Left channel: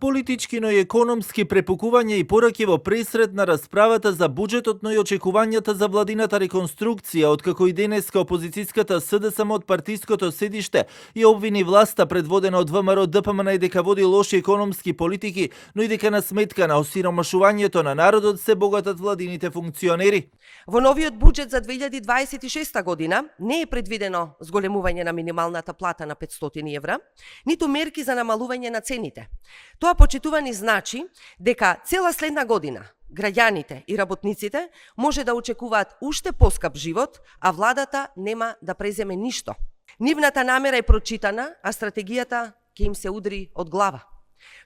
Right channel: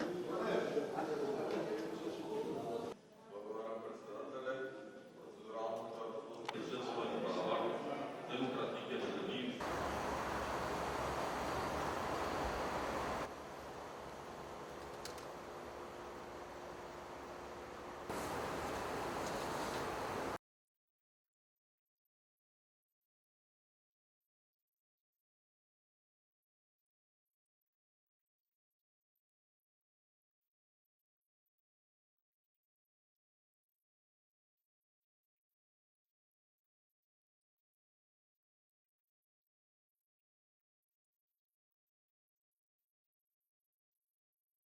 Политички, но и економски препукување и пораки во пресред на расправата за буџетот, но и очекувањата за владината реконструкција, откако и денеска опозицијската СДСМ од партиското седиште и обвини власта предводена од ВМРО ДПМН дека води лоши економски политики, но и дека на сметка на осиромашувањето на народот се богатат владините функционери. Во новиот буџет за 2026 година не е предвидено зголемување на минималната плата на 500 евра, ниту мерки за намалување на цените. Тоа почитувани значи дека цела следна година граѓаните и работниците може да очекуваат уште поскап живот, а владата нема да преземе ништо. Нивната намера е прочитана, а стратегијата ќе им се удри од глава.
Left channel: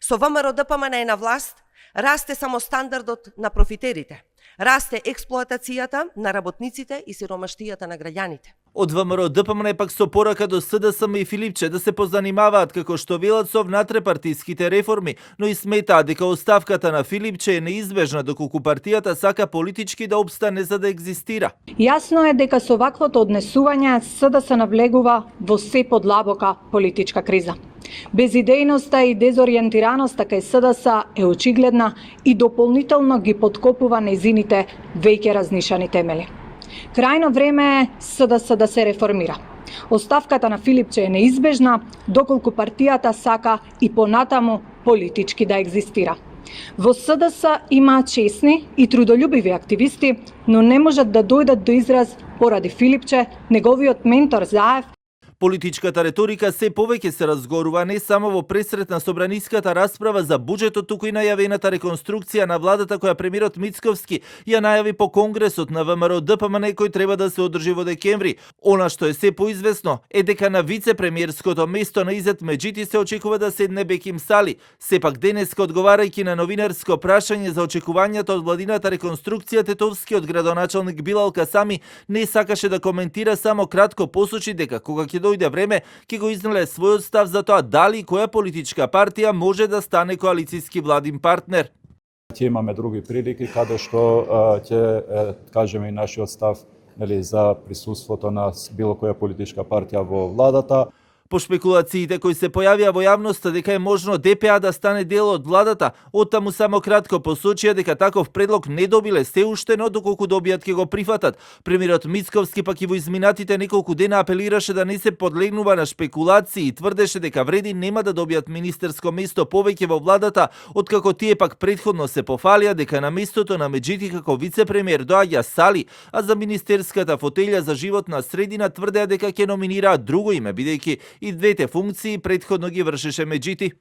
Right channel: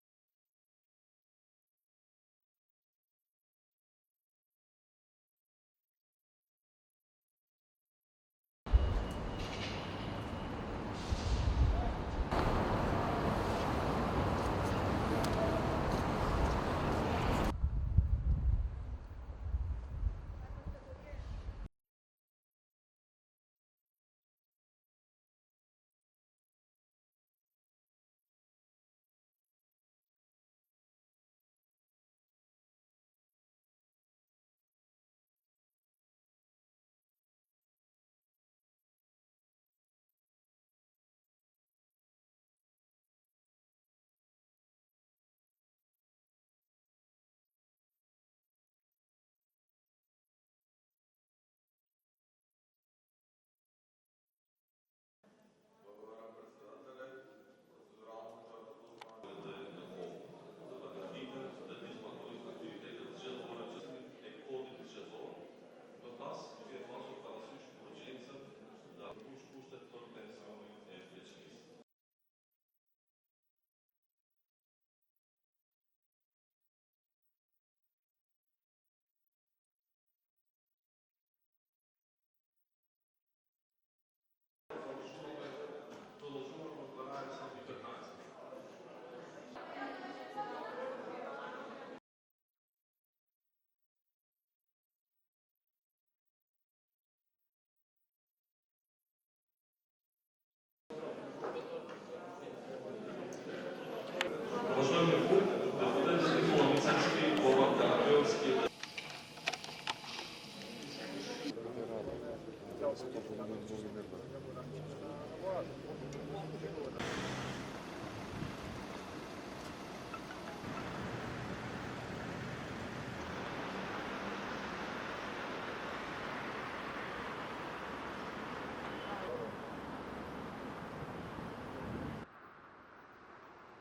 Со ВМРО ДПМН е на власт, расте само стандардот на профитерите. Расте експлоатацијата на работниците и сиромаштијата на граѓаните. Од ВМРО ДПМН пак со порака до СДСМ и Филипче да се позанимаваат како што велат со внатрепартиските реформи, но и сметаат дека оставката на Филипче е неизбежна доколку партијата сака политички да обстане за да екзистира. Јасно е дека со ваквото однесување СДС навлегува во се подлабока политичка криза. Безидејноста и дезориентираноста кај СДС е очигледна и дополнително ги подкопува нејзините веќе разнишани темели. Крајно време е СДС да се реформира. Оставката на Филипче е неизбежна, доколку партијата сака и понатаму политички да екзистира. Во СДС има чесни и трудолюбиви активисти, но не можат да дојдат до израз поради Филипче, неговиот ментор Заев. Политичката реторика се повеќе се разгорува не само во пресред на собраниската расправа за буџетот, туку и најавената реконструкција на владата која премиерот Мицковски ја најави по Конгресот на ВМРО ДПМН кој треба да се одржи во декември. Она што е се поизвестно е дека на вице-премиерското место на Изет Меджити се очекува да седне Беким Сали. Сепак денеска одговарајќи на новинарско прашање за очекувањата од владината реконструкција, тетовскиот градоначалник Билал Касами не сакаше да коментира, само кратко посочи дека кога ќе дојде време, ќе го изнале својот став за тоа дали која политичка партија може да стане коалицијски владин партнер. Ќе имаме други прилики каде што ќе кажеме и нашиот став за присуството на било која политичка партија во владата. По шпекулациите кои се појавија во јавноста дека е можно ДПА да стане дел од владата, оттаму само кратко посочија дека таков предлог не добиле се уште, но доколку добијат ќе го прифатат. Премиерот Мицковски пак и во изминатите неколку дена апелираше да не се подлегнува на шпекулации и тврдеше дека вреди нема да добијат министерско место повеќе во владата, откако тие пак претходно се пофалија дека на местото на Меджити како вице-премиер доаѓа Сали, а за министерската фотелја за животна средина тврдеа дека ќе номинираат друго име, бидејќи и двете функции претходно ги вршеше Меджити.